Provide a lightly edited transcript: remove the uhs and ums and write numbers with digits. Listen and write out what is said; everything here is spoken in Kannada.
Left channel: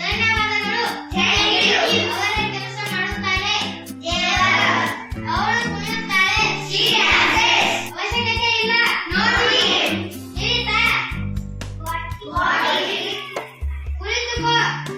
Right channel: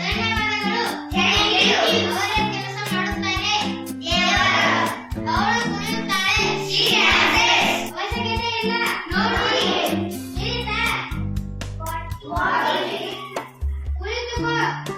ಧನ್ಯವಾದಗಳು. ಅವರ ಕೆಲಸ ಮಾಡುತ್ತಾಳೆ. ಅವಳು ಕುಣಿಯುತ್ತಾಳೆ. ಅವಶ್ಯಕತೆ ಇಲ್ಲ. ನೋಡಿ ಕುಳಿತುಕೋ.